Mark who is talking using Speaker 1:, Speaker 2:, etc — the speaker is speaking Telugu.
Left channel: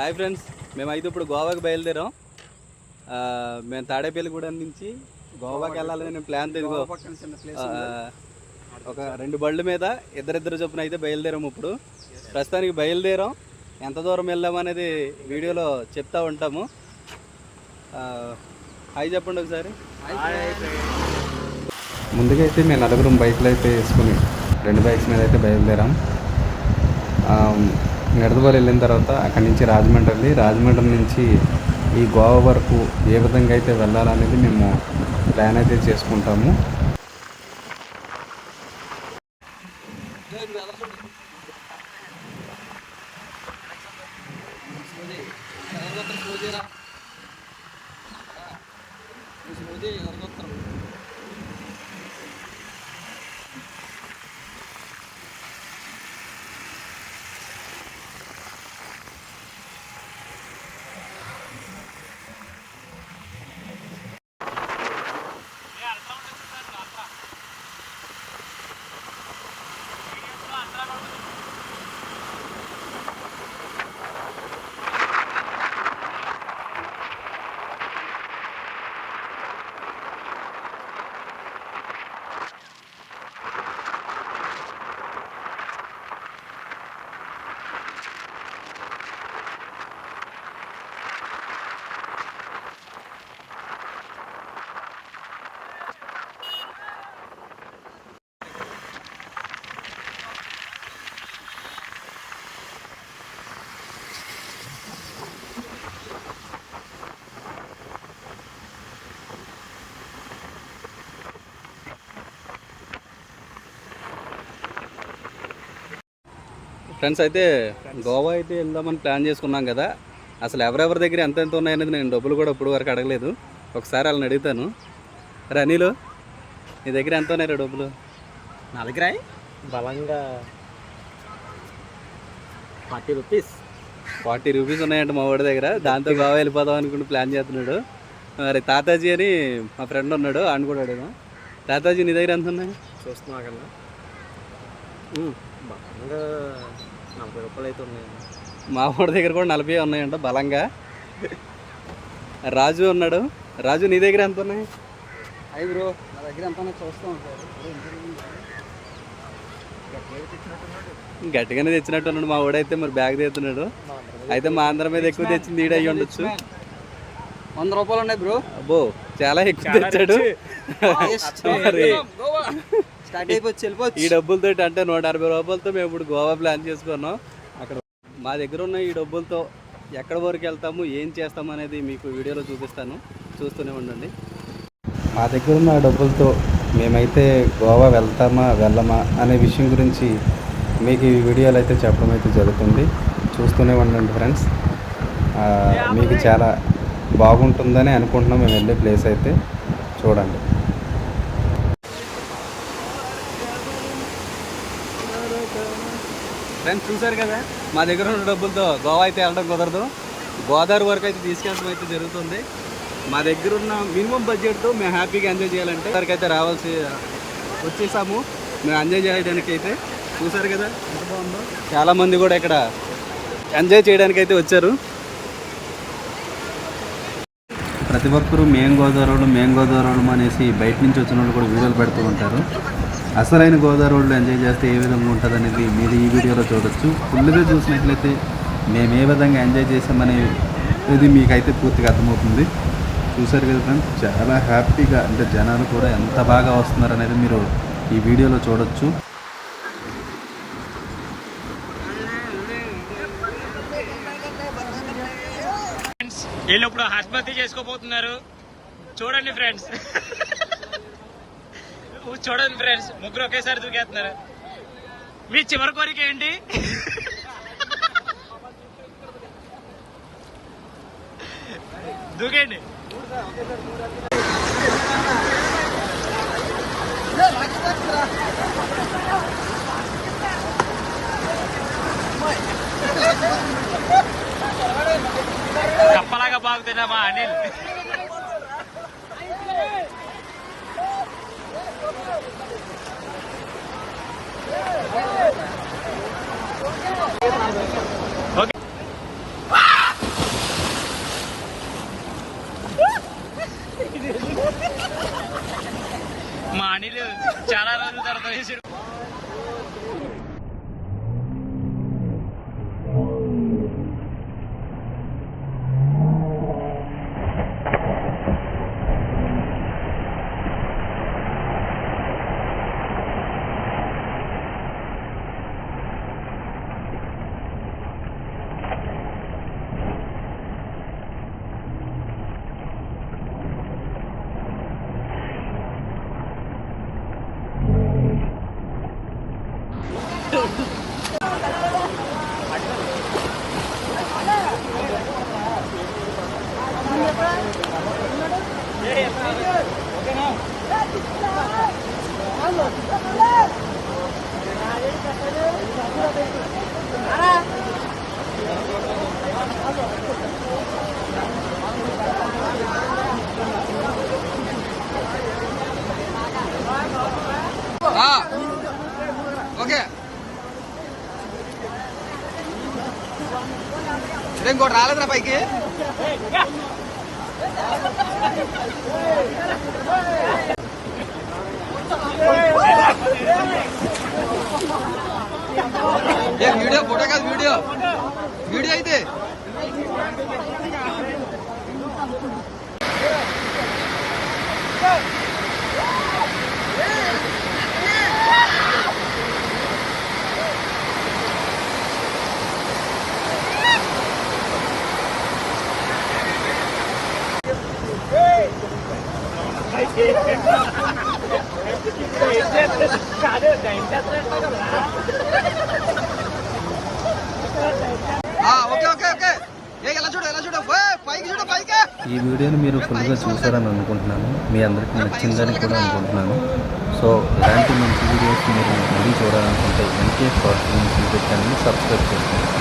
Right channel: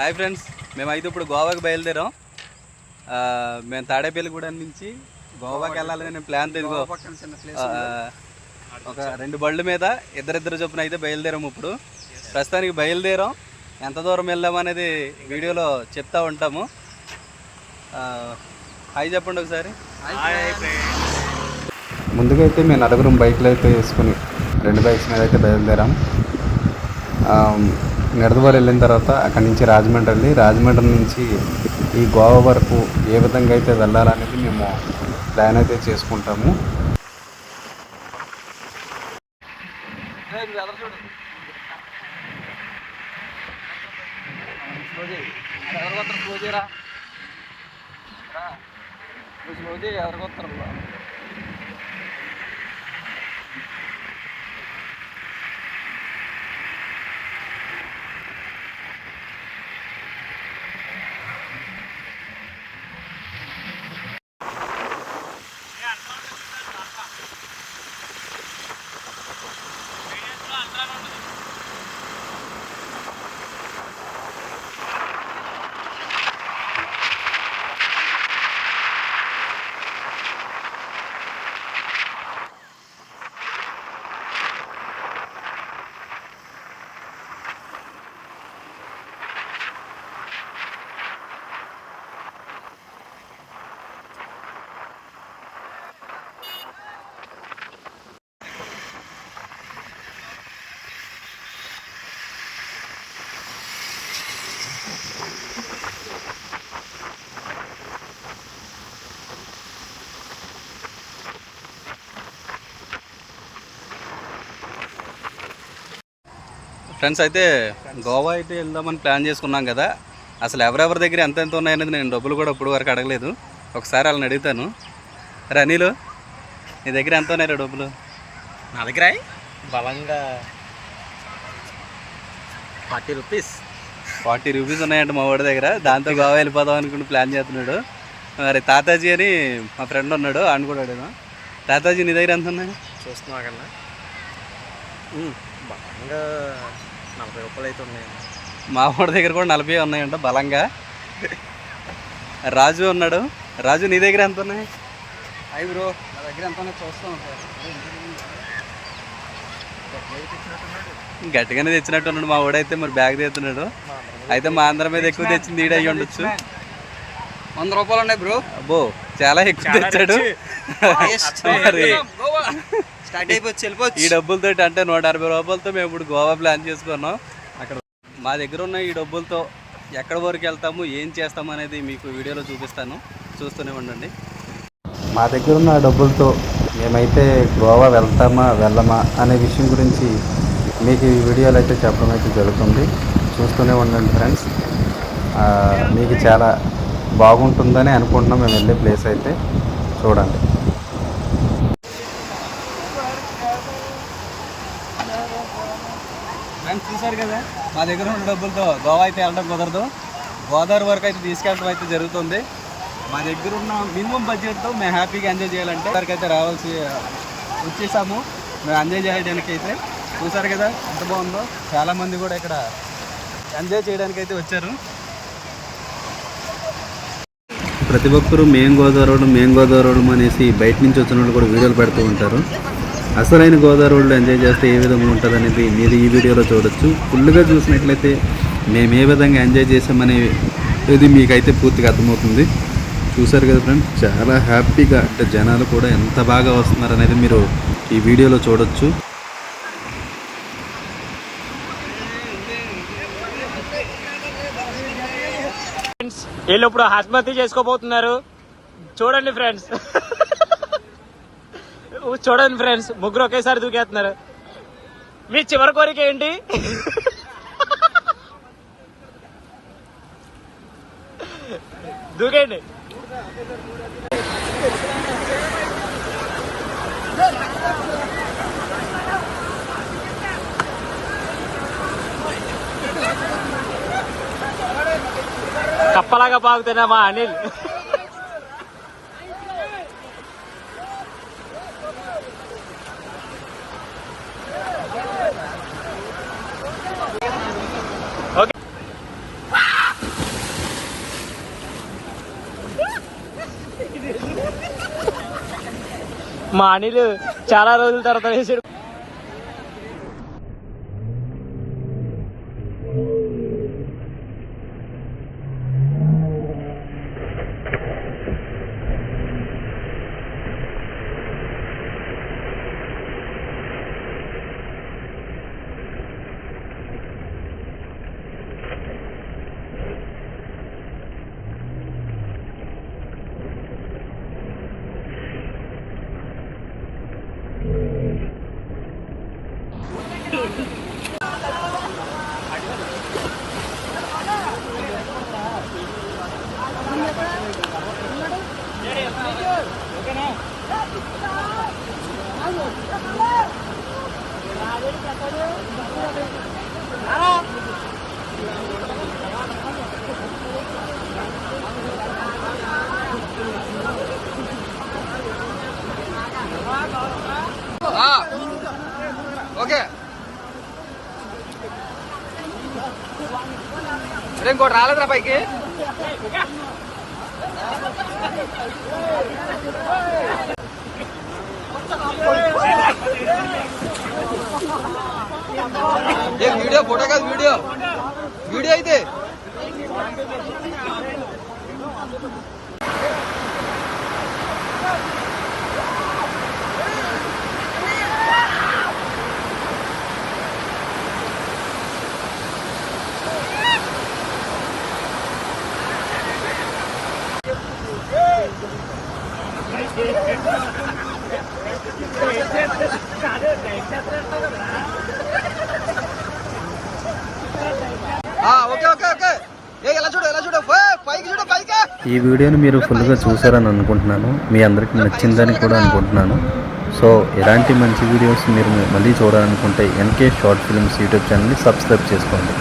Speaker 1: హాయ్ ఫ్రెండ్స్ మేమైతే ఇప్పుడు గోవాకి బయలుదేరాం. ఆ, మేము తాడేపల్లిగూడెం నుంచి గోవాకి వెళ్ళాలని నేను ప్లాన్ తెలుగు ఒక రెండు బళ్ళు మీద ఇద్దరిద్దరు చొప్పున అయితే బయలుదేరాం ఇప్పుడు. ప్రస్తుతానికి బయలుదేరాం. ఎంత దూరం వెళ్దాం అనేది వీడియోలో చెప్తా ఉంటాము. ఆ, హాయ్ చెప్పండి ఒకసారి. ముందుగా అయితే మేము నలుగురం బైక్లు అయితే వేసుకుని రెండు బైక్స్ మీద అయితే బయలుదేరాం. నిడదవోలు వెళ్ళిన తర్వాత అక్కడి నుంచి రాజమండ్రి వెళ్ళి రాజమండ్రి నుంచి ఈ గోవా వరకు ఏ విధంగా అయితే వెళ్ళాలనేది మేము ప్లాన్ అయితే చేసుకుంటాము. ఫ్రెండ్స్ అయితే గోవా అయితే వెళ్దామని ప్లాన్ చేసుకున్నాం కదా. అసలు ఎవరెవరి దగ్గర ఎంత ఎంత ఉన్నాయనేది నేను డబ్బులు కూడా ఇప్పుడు వరకు అడగలేదు. ఒకసారి వాళ్ళని అడుగుతాను. రే అనిలు నీ దగ్గర ఎంత ఉన్నాయి డబ్బులు?
Speaker 2: నా దగ్గర బలంగా ఫార్టీ రూపీస్.
Speaker 1: ఫార్టీ రూపీస్ ఉన్నాయంట మా వాడి దగ్గర. దాంతో గోవా వెళ్ళిపోదాం అనుకుంటూ ప్లాన్ చేస్తున్నాడు. మరి తాతాజీ అని మా ఫ్రెండ్ ఉన్నాడు ఆయన కూడా అడుగుదాం. తాతాజీ నీ దగ్గర ఎంత ఉన్నాయి?
Speaker 2: చూస్తున్నా కన్నా. బలంగా నలభై రూపాయలు అయితే ఉన్నాయన్న
Speaker 1: మా వాడి దగ్గర కూడా నలభై ఉన్నాయంట బలంగా. రాజు ఉన్నాడు. రాజు నీ దగ్గర ఎంత ఉన్నాయి?
Speaker 2: అయ్యి బ్రో నా దగ్గర ఎంత ఉన్నాయో చూస్తాం సార్
Speaker 1: గట్టిగానే తెచ్చినట్టు ఉన్నాడు. మా వాడైతే మరి బ్యాగ్ తెస్తున్నాడు అయితే మా అందరి మీద ఎక్కువ తెచ్చింది ఈడ అయ్యి ఉండొచ్చు.
Speaker 2: వంద రూపాయలు ఉన్నాయి బ్రో.
Speaker 1: అబ్బో చాలా ఎక్కువ తెచ్చాడు.
Speaker 2: స్టార్ట్ అయిపోవచ్చు వెళ్ళిపోవచ్చు.
Speaker 1: ఈ డబ్బులతో అంటే నూట అరవై రూపాయలతో మేము ఇప్పుడు గోవా ప్లాన్ చేసుకున్నాం. అక్కడ మా దగ్గర ఉన్న ఈ డబ్బులతో ఎక్కడ వరకు వెళ్తాము ఏం చేస్తాము అనేది మీకు వీడియోలో చూపిస్తాను. చూస్తూనే ఉండండి. మా దగ్గర ఉన్న డబ్బులతో మేమైతే గోవా వెళ్తామా వెళ్ళమా అనే విషయం గురించి మీకు ఈ వీడియోలో అయితే చెప్పడం అయితే జరుగుతుంది. చూస్తూనే ఉండండి ఫ్రెండ్స్. ఆ, మీకు చాలా బాగుంటుందని అనుకుంటున్నాం. మేము వెళ్ళే ప్లేస్ అయితే చూడండి. ఫ్రెండ్స్ చూసారు కదా? మా దగ్గర ఉన్న డబ్బులతో గోవా అయితే వెళ్ళడం కుదరదు. గోదావరి వరకు అయితే తీసుకెళ్ళడం అయితే జరుగుతుంది. మా దగ్గర ఉన్న మినిమం బడ్జెట్తో మేము హ్యాపీగా ఎంజాయ్ చేయాలంటే వరకు అయితే రావాల్సి వచ్చేసాము. మేము ఎంజాయ్ చేయడానికి అయితే చూసారు కదా? ఎంత బాగుందో. చాలామంది కూడా ఇక్కడ ఎంజాయ్ చేయడానికి అయితే వచ్చారు. ప్రతి ఒక్కరూ మేం గోదావరి మేం గోదావరి అనేసి బయట నుంచి వచ్చిన వాళ్ళు కూడా వీడియోలు పెడుతూ ఉంటారు. అసలైన గోదావరి వాళ్ళు ఎంజాయ్ చేస్తే ఏ విధంగా ఉంటుంది అనేది మీరు ఈ వీడియోలో చూడొచ్చు. ఫుల్గా చూసినట్లయితే మేము ఏ విధంగా ఎంజాయ్ చేసామనే ఇది మీకైతే పూర్తిగా అర్థమవుతుంది. చూసారు కదా ఫ్రెండ్స్ చాలా హ్యాపీగా అంటే జనాలు కూడా ఎంత బాగా వస్తున్నారు అనేది మీరు ఈ వీడియోలో చూడొచ్చు.
Speaker 3: వీళ్ళు ఇప్పుడు ఆత్మహత్య చేసుకోబోతున్నారు. చూడండి ఫ్రెండ్స్ చూడండి ఫ్రెండ్స్ ముగ్గురు ఒకేసారి దూకేస్తున్నారు. మీ చివరి కోరిక ఏంటి? దూకేయండి. కప్పలాగా బాగుతున్నా మా అనిల్? మా అనిల్ చాలా రోజుల తర్వాత వేసాడు.
Speaker 2: ఓకే రే ఇంకోటి రాలేదురా పైకి ఏ వీడియో ఫోటో కాదు వీడియో వీడియో అయితే ఓకే ఓకే ఓకే.
Speaker 4: ఈ వీడియోని మీరు ఫుల్గా చూసారని అనుకుంటున్నాను. మీ అందరికీ నచ్చిందని కూడా అనుకుంటున్నాను. సో ఎలాంటి మంచి వీడియోస్ మీరు మళ్ళీ చూడాలనుకుంటే ఎన్కే షార్ట్ ఫిల్మ్స్ యూట్యూబ్ ఛానల్ని సబ్స్క్రైబ్ చేసుకోండి.